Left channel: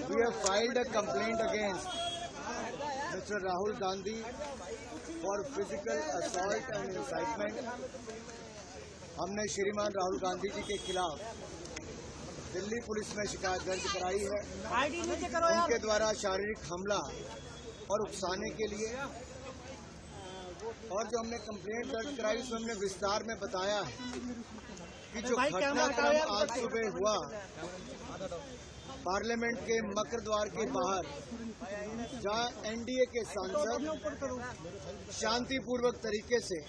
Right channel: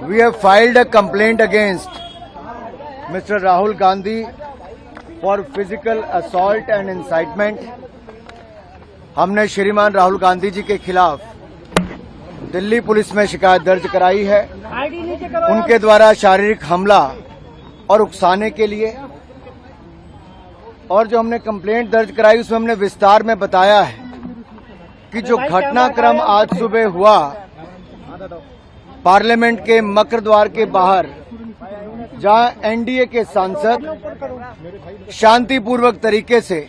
We have filed a complaint against Mr. Rahul Gandhi for physical assault and incitement. हमने श्रीमान राहुल गांधी जी के खिलाफ Delhi police में शिकायत दर्ज कराई है उनके द्वारा शारीरिक हमला और उकसाने के लिए। और जो हमने कंप्लेंट दर्ज कराई उसमें हमने विस्तार में बताया है कि जो घटनाक्रम आज सुबह हुआ पार्लियामेंट के मकर द्वार के बाहर, जहां एनडीए के सांसद शांतिपूर्वक तरीके से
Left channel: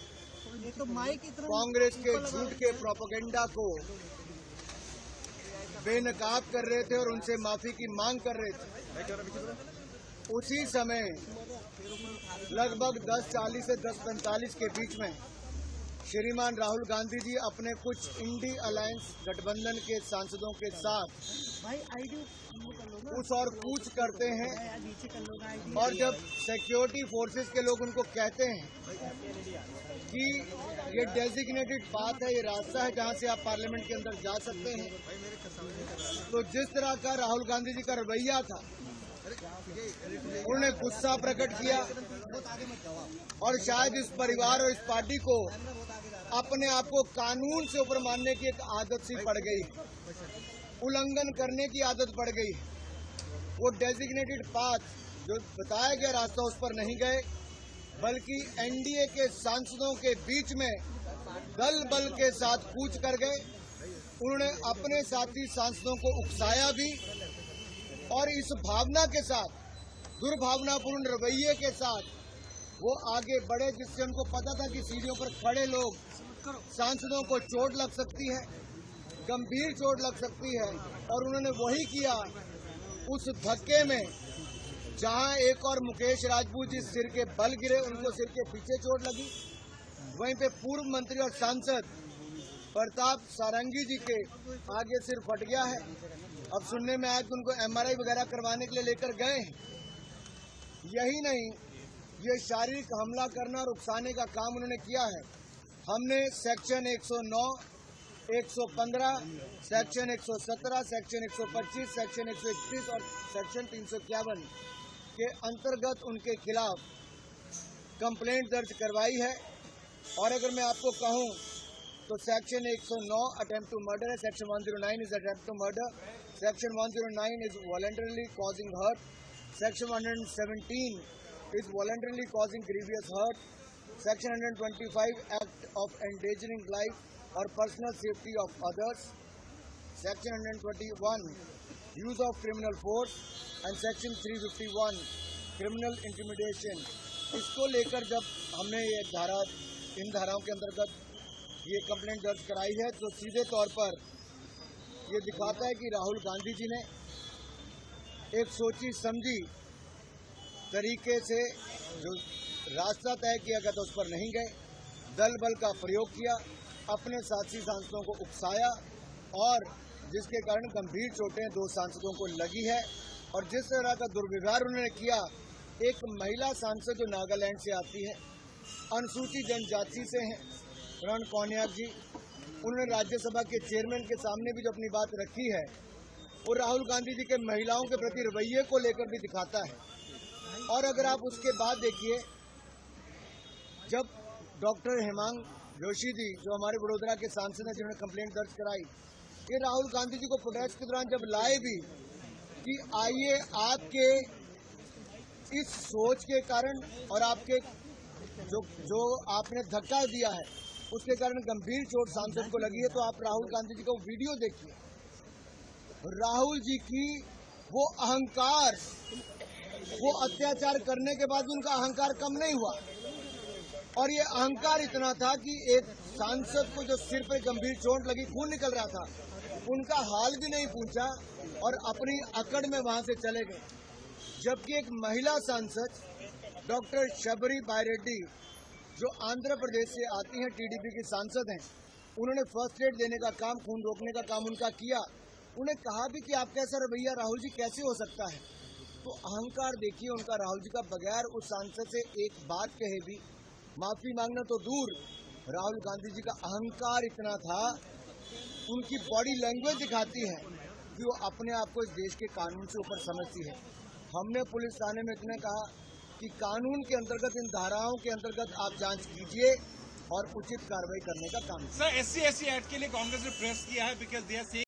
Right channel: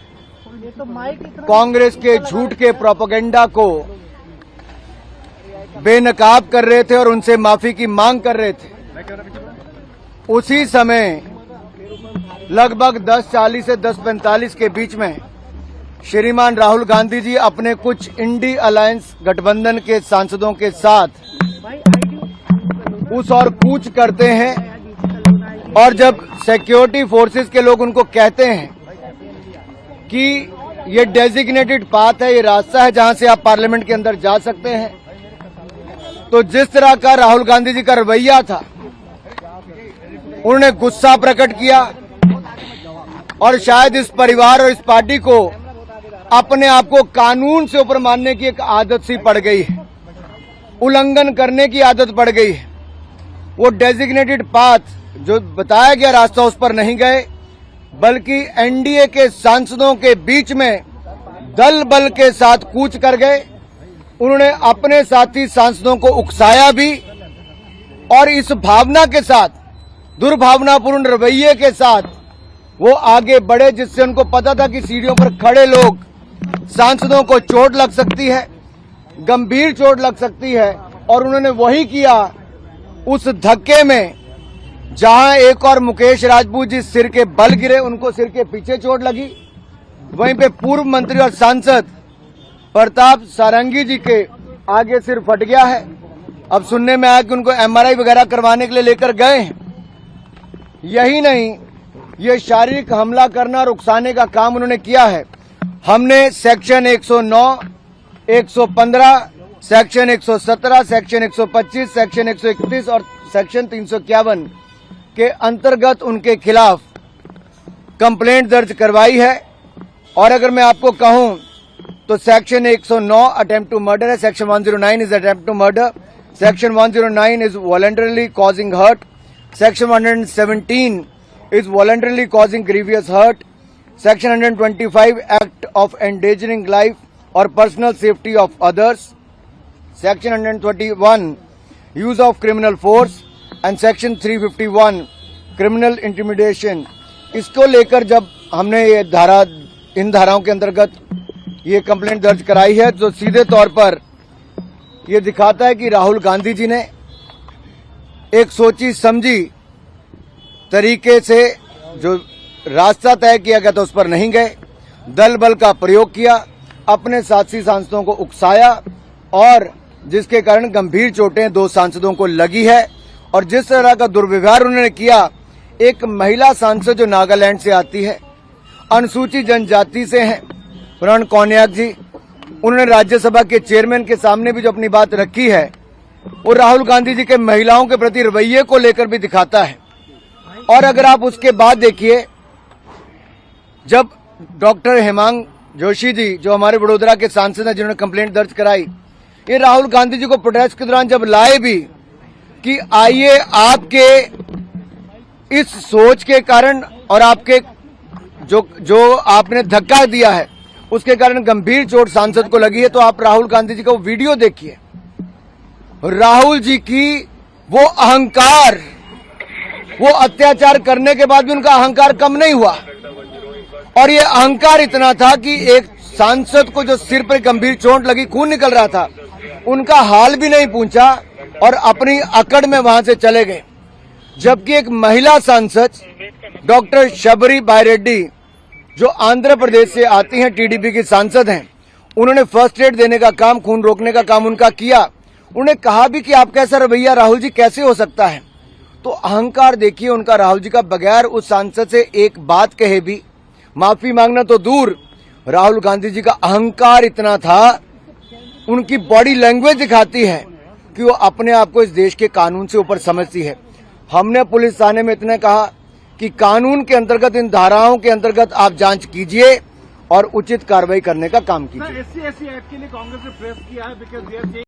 कांग्रेस के झूठ के प्रोपेगेंडा को बेनकाब कर रहे थे और उनसे माफी की मांग कर रहे थे, उसी समय लगभग 10:40 से 10:45 के बीच में श्रीमान राहुल गांधी जी अपने कुछ इंडी अलायंस गठबंधन के सांसदों के साथ उस और कूच करते हैं। और जब सिक्योरिटी फोर्सेस के लोग उनको कहते हैं कि ये डेजिग्नेटेड पाथ है, ये रास्ता है जहां से आप पार्लियामेंट के अंदर जा सकते हैं, तो जिस तरह का राहुल गांधी जी का रवैया था, उन्होंने गुस्सा प्रकट किया और शायद इस परिवार और इस पार्टी को अपने आप को कानून से ऊपर मानने की एक आदत सी पड़ गई है, उल्लंघन करने की आदत पड़ गई है। वो डेजिग्नेटेड पाथ जो बताया गया रास्ता उस पर नहीं गए, बल्कि एनडीए के सांसदों के बीच में दल बल के साथ कूच कर गए। उन्होंने अपने साथी सांसदों को उकसाया भी और इस भावना के साथ, दुर्भावनापूर्ण रवैये के साथ वो आगे बढ़े, जिससे उनको पता था कि सीढ़ियों पर खड़े लोग सांसदों को चोट लग सकती है, गंभीर चोट लग सकती है। और उन्होंने वही किया। उस धक्के में जहां एक और मुकेश राजपूत जी सिर के बल गिरे, उनको सिर के पीछे चोट लगी, वहीं पे पूर्व मंत्री और सांसद प्रताप सारंगी जी के आगे सिर फट गया है। अब सुनने में आया कि उनको एमआरआई वगैरह करवाने के लिए लेकर गए हैं। यही नहीं, ये शारीरिक हमला करना और उकसाने का काम उन्होंने किया है। हमने सेक्शन 109, 115, सेक्शन 117, सेक्शन 125, सेक्शन 131 और सेक्शन 351 के अंतर्गत उनके खिलाफ कंप्लेंट दर्ज करवाई है। और अगर मैं आपको कहूं तो सेक्शन 109 अटेम्प्ट टू मर्डर है, section 109 is attempt to murder, section 109 is voluntarily causing hurt, section 117 is voluntarily causing grievous hurt, section 125 act of endangering life और personal safety of others, section 121 use of criminal force and section 351 criminal intimidation. इसको लेकर जब हमने ये इन धाराओं के अंतर्गत ये कंप्लेंट दर्ज कराई है, तो सीधे तौर पर ये दिखाता है कि राहुल गांधी जी ने एक सोची समझी तरीके से जो रास्ता तय किया गया था उस पर नहीं गए, दल बल का प्रयोग किया, अपने साथी सांसदों को उकसाया और जिसके कारण गंभीर चोटें 2 सांसदों को लगी है। और जिस तरह का दुर्व्यवहार उन्होंने किया, एक महिला सांसद जो नागालैंड से आती है, अनुसूचित जनजाति से हैं, प्रण कौनियाक जी, उन्होंने राज्यसभा के चेयरमैन के सामने भी जो अपनी बात रखी है, वो राहुल गांधी जी के महिलाओं के प्रति रवैये को लेकर भी दिखाता है। और अगर आप उसके बाद देखिए, जब डॉक्टर हेमांग जोशी जी जो हमारे वडोदरा के सांसद हैं, जिन्होंने कंप्लेंट दर्ज कराई, ये राहुल गांधी जी को प्रोटेस्ट के दौरान जब लाए भी कि आइए आपके इस सोच के कारण और आपके जो आपने धक्का दिया है उसके कारण गंभीर चोट सांसद को लगी है, तो आप राहुल गांधी जी का वो वीडियो देखिए। राहुल जी की वो अहंकार, वो अत्याचार करने के बाद भी उनका अहंकार कम नहीं हुआ। और ये अहंकार इतना था कि एक सांसद को जो सिर पर गंभीर चोट लगी, खून निकल रहा था, उनका हाल भी नहीं पूछा और अपनी अकड़ में वहां से चले गए। जबकि एक महिला सांसद डॉक्टर शबरी बायरेड्डी जो आंध्र प्रदेश से आती हैं, टीडीपी की सांसद हैं, उन्होंने फर्स्ट एड देने का काम, खून रोकने का काम उनका किया। उन्होंने कहा भी कि आपका ऐसा रवैया राहुल जी कैसे हो सकता है। तो अहंकार देखिए उनका राहुल जी का, बगैर उस सांसद से एक बात कहे भी, माफी मांगना तो दूर, राहुल गांधी जी का अहंकार इतना था, उनकी बॉडी लैंग्वेज दिखाती है क्योंकि वो अपने आप को इस देश के कानून से ऊपर समझती है। हमने पुलिस थाने में इतने कहा कि कानून के अंतर्गत, इन धाराओं के अंतर्गत आप जांच कीजिए और उचित कार्रवाई करने का काम कीजिए। SC/ST एक्ट के लिए कांग्रेस ने प्रेस किया है, बिकॉज